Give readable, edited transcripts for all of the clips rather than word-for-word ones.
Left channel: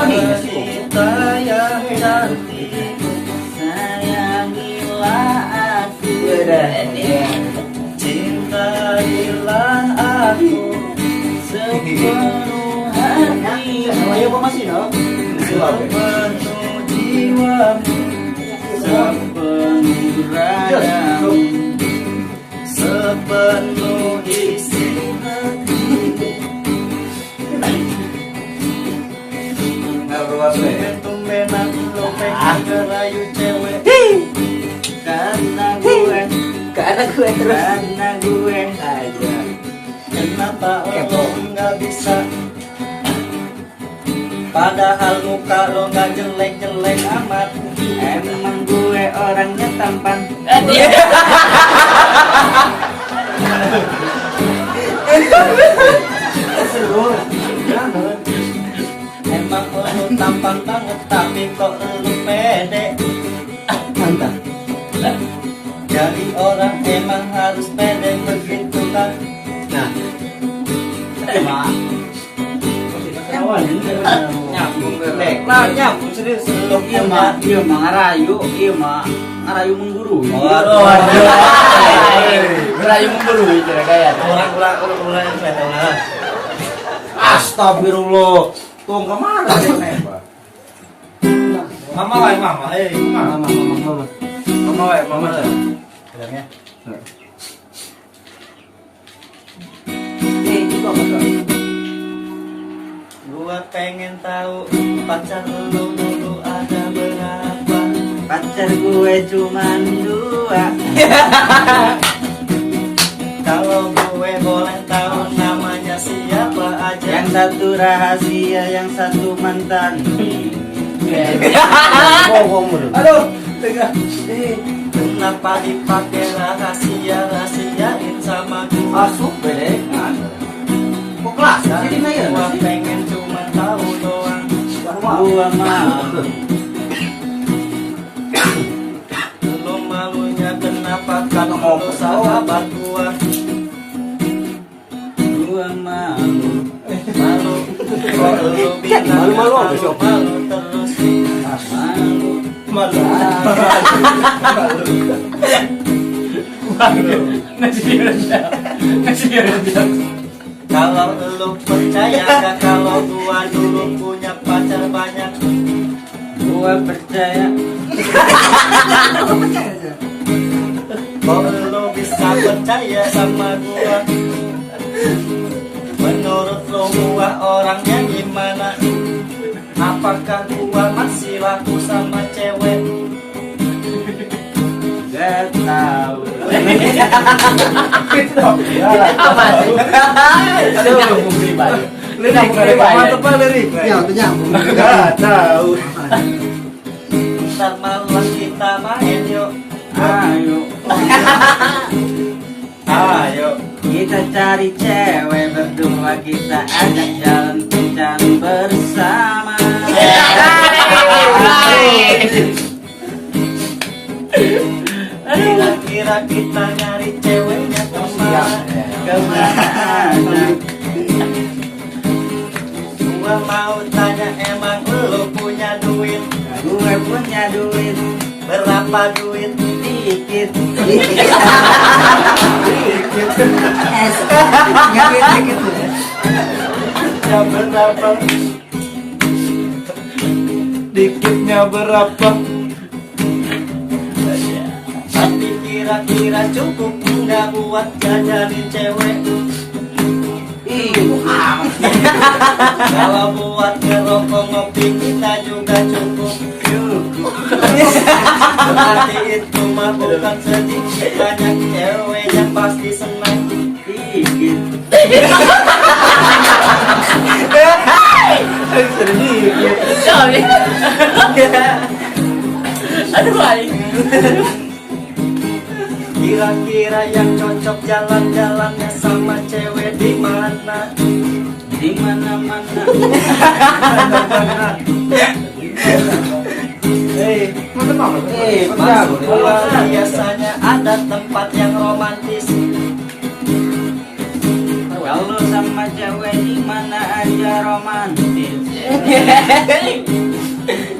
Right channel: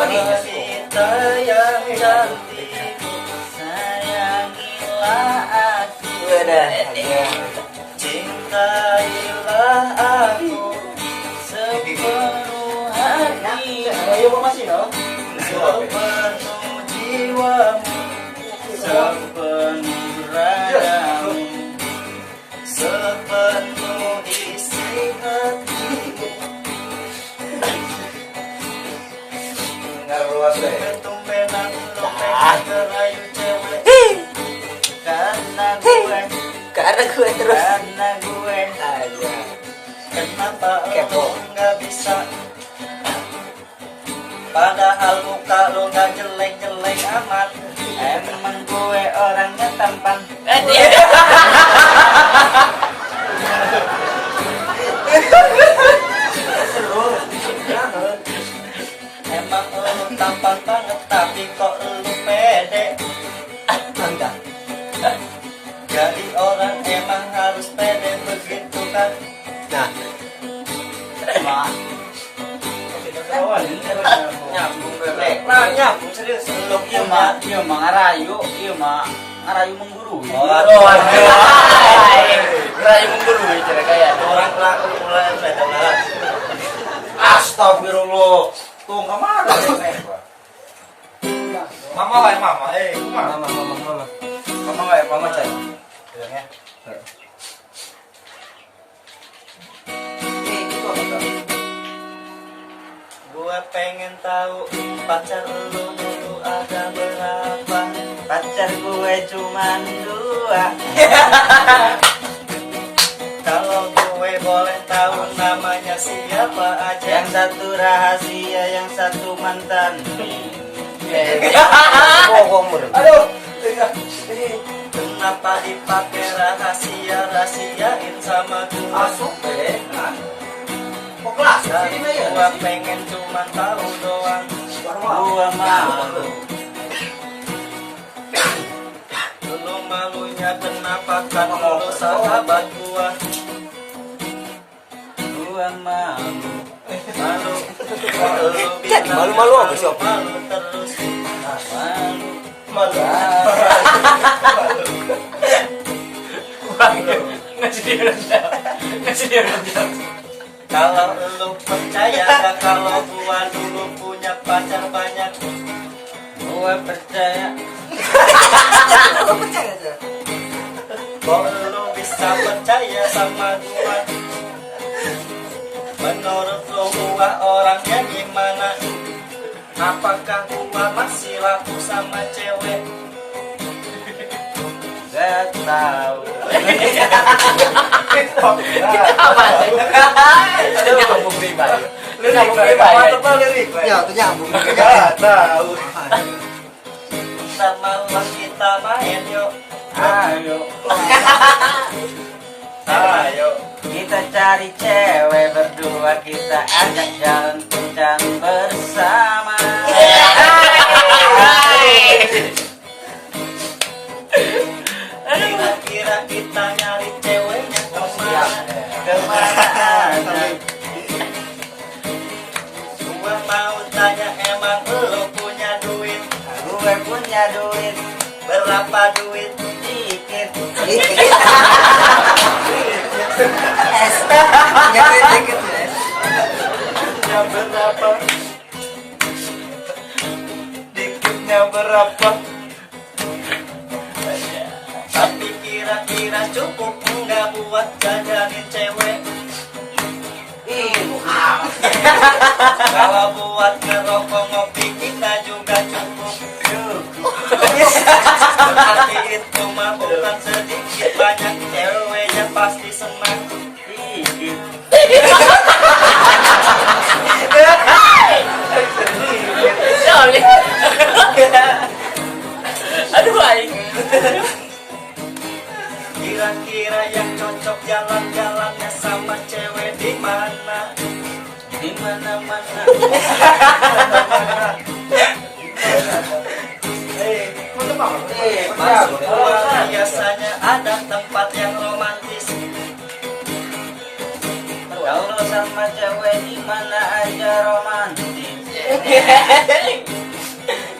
Wanita yang cantik, sayangilah aku, cintailah aku sepenuh hatimu, sepenuh jiwamu, sepenuh ragamu, sepenuh isi hatimu. Tumben-tumbenan lo pengen ngerayu cewek, karena gue terus, kenapa lo nggak bisa? Padahal muka lo nggak jelek-jelek amat, emang gue orangnya tampan. Emang lo tampan banget, tapi kok lo pede? Mantap. Jadi orang emang harus pede begitu kan? Nah, emang iya mah ngarayu mengguru. Ngarayu mengguru itu kayak orang astagfirullah. Tuh enggak marah mama wae mama. Mama wae mama cai. Bilangnya. Gue pengen tahu pacar lu dulu ada berapa? Pacar gue cuma 2. Kalau gue boleh tahu namanya siapa aja? Yang satu rahasia, yang satu mantan. Aduh, kenapa dipakai rahasiain sama gua? Gua pengen cuma tahu doang. Gua malu. Dulu malunya kenapa kan lo sahabat gua? Gua malu. Malu terus. Kalau lu percaya gak kalau gua dulu punya pacar banyak? Gua percaya. Kok lu bisa percaya sama gua? Menurut lu gua orangnya gimana? Apakah gua masih laku sama cewek? Gak tahu. Gak tahu. Ntar malam kita main yuk. Ayo. Kita cari cewek berdua, kita ajak jalan kencan bersama. Kira-kira kita nyari ceweknya kemana aja? Gua mau tanya, emang lu punya duit? Gue punya duit. Berapa duit? Dikit. Berapa? Dikitnya berapa? Tapi kira-kira cukup nggak buat jajanin cewek? Kalau buat ngerokok ngopi kita juga cukup. Berarti itu mah bukan sedikit, banyak cewek yang pasti senang. Dikit. Aduh baik. Kira-kira yang cocok jalan-jalannya sama cewek di mana? Di mana-mana. Maksud gua biasanya ada tempat yang romantis. Kalau sama cewek di mana aja romantis.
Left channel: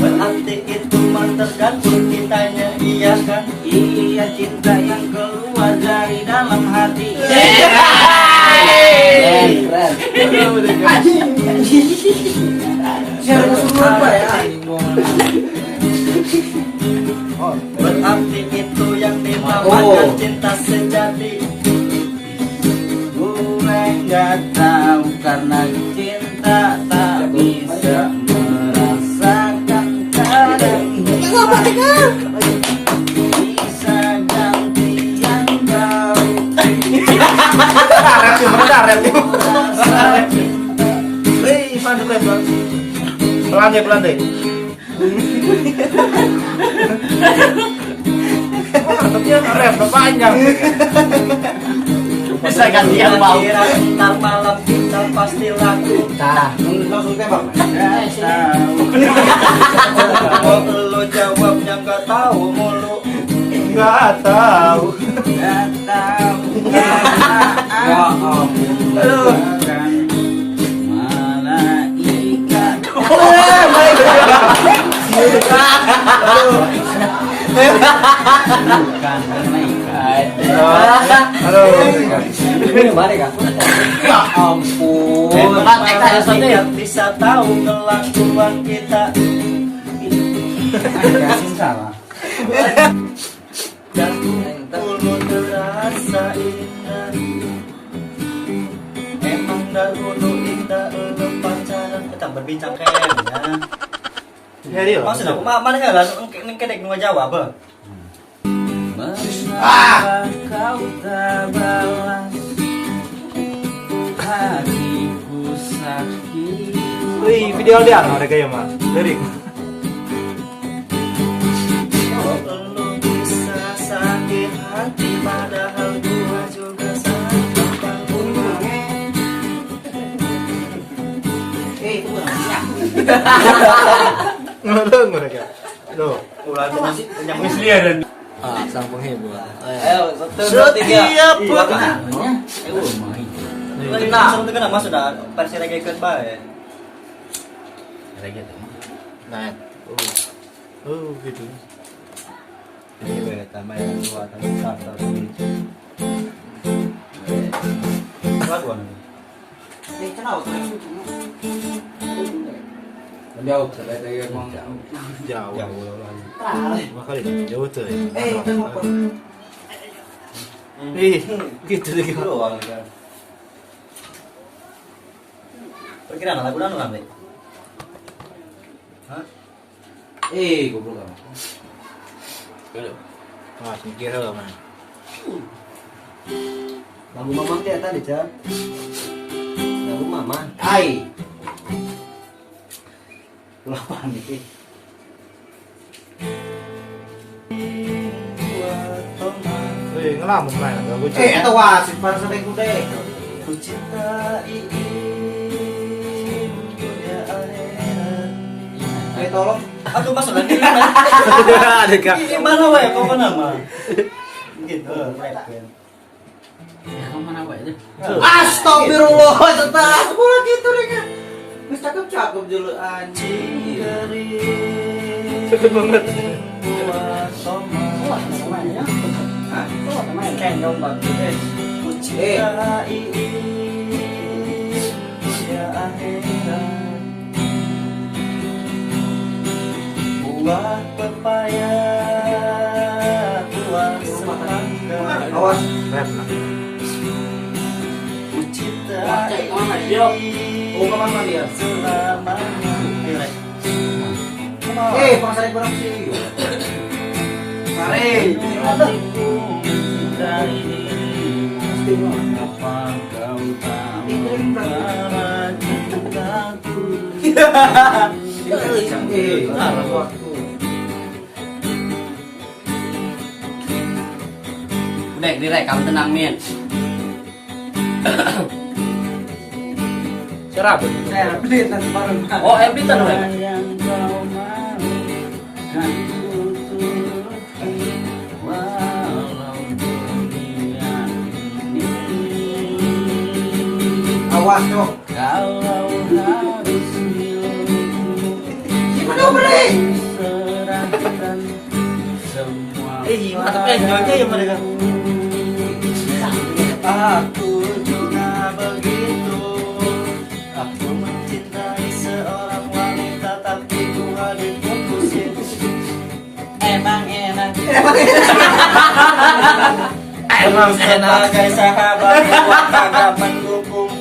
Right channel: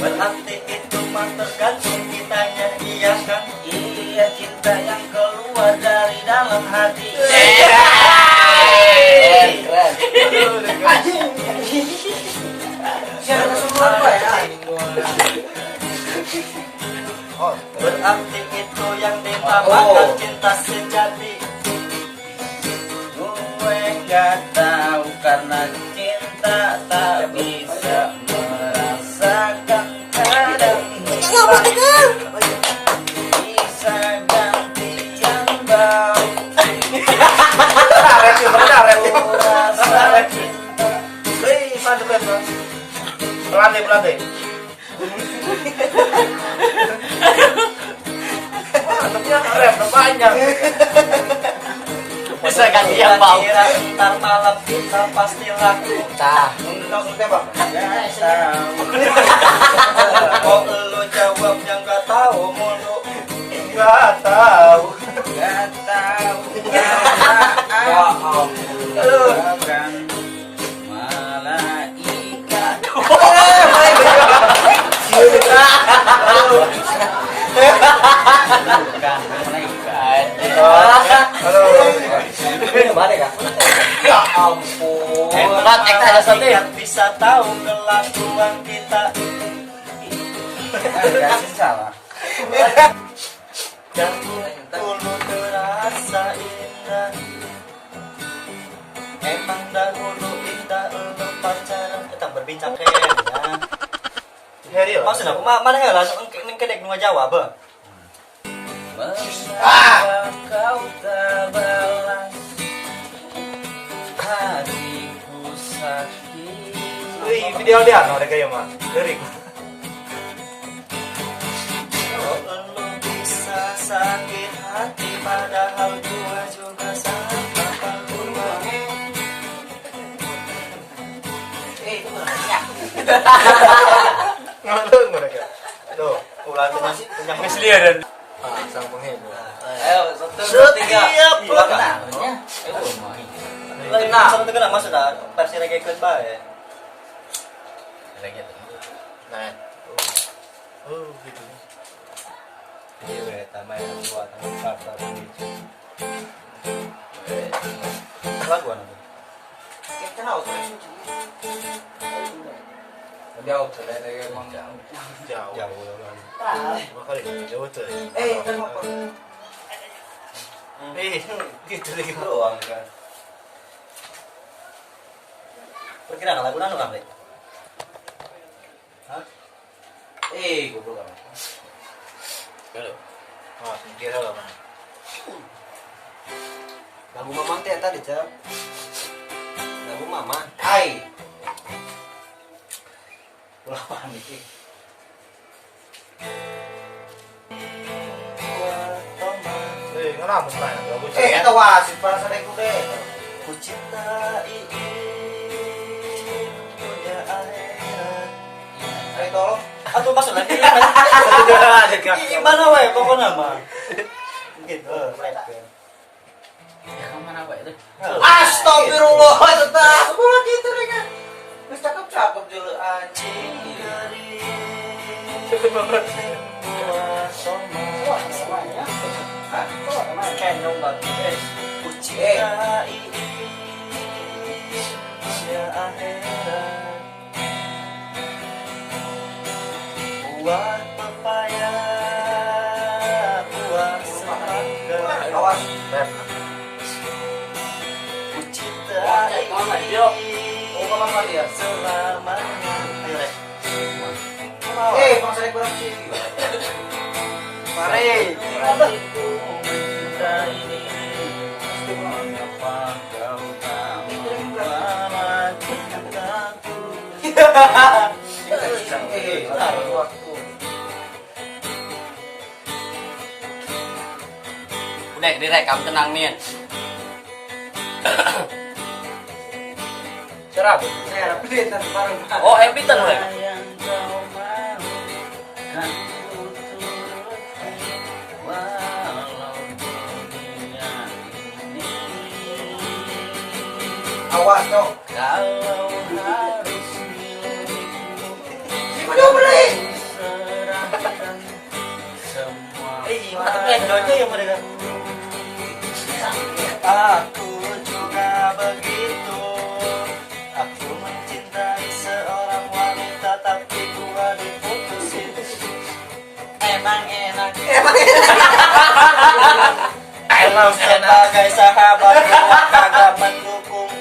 Berarti itu mah tergantung kitanya, iya kan? Iya, cinta yang keluar dari dalam hati. Berarti itu yang dinamakan cinta sejati. Gue nggak tahu karena cinta tak bisa merasakan kadang hilang. Bisa gantian bau. Rasa cinta. Pelan-pelan. Dia rem panjang. Bisa gantian bau. Ntar malam kita pasti laku. Nah, maksudnya bang. Kok lu jawabnya nggak tahu mulu. Nggak tahu. Nggak tahu. Kan malaikat. Bukan malaikat. Halo. Ini balik kan? Ya ampun. Malaikat bisa tahu kelakuan kita. Kasih salah. Dan dulu terasa indah. Emang dahulu indah lu pacaran. Kita berbincang kayaknya. Jadi Maksud aku mana enggak lah kedek nu Jawa apa? Mengapa kau tak balas hatiku sakit. wih, video dia mereka ya mas. Lirik. Kok lu bisa sakit hati padahal gua juga sama lu. Itu benar. Ngeleng mereka. Loh, Ulah punya mislia dan sang penghibur. Ayo, 1, 2, 3. Iya, kenanya. Lagi seru tuh kenapa sudah versi reggae ke ya? Reggae tuh. Nah. Oh, gitu. Ini tambah yang buat yang sabta begitu. Lagu apa? Jauh, sudah kayak emang jauh. Jauh. Jauh. Makanya jauh tuh. Itu mau Gitu deh. Doang kan. Perkiraan lagu nanu kan, Bre? Hah? goblok kamu. Halo. Wah, mikir lah man. Lagu mamang teh tadi, Cak. Lagu mama. Hai. Ulah panik. Ngelamun lah lagu. Eta wasit perasaan aku deh. Ku cintai dunia akhirat. Ayo tolong. Aduh masuk lagi gimana? Gimana wae pokoknya mah. Gitu, rap kan. Ya kamu mana wae deh. Astagfirullah, tetap. Aku gitu deh kan. Wis cakep-cakep julu anjing. Cakep banget. Ku cintai dunia akhirat. Buah pepaya, buah semangka. Awas. Ku cintai Oh, kemana dia? selamanya. Ayo, Rek. Pasal kurang sih. Mari. Hatiku mencintai dirimu. Mengapa kau tak membalas cintaku? Dek, direk kamu tenang Min. Cerah, saya update nanti baru. Oh, update tenang. Yang kau mau kan ku turuti walau dunia ini. Awas dong. Kalau harus milih serahkan semua mereka. Aku juga begitu. Aku mencintai seorang wanita tapi gua diputusin. Emang enak. Kalau sebagai sahabat gua kagak mendukung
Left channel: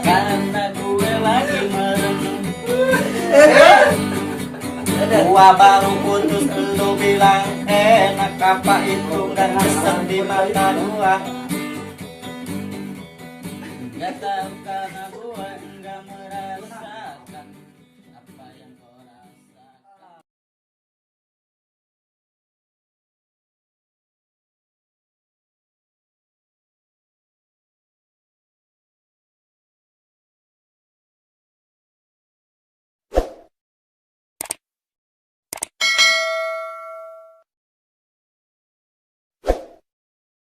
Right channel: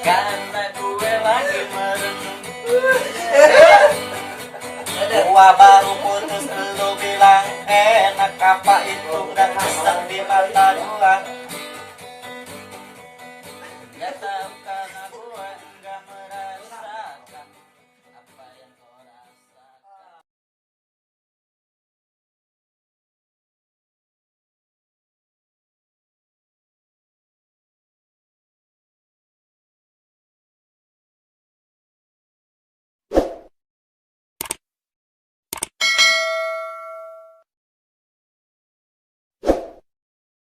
karena gue lagi merenung. Gua baru putus lu bilang enak, apa itu dan mesem di mata gua. Gak tahu.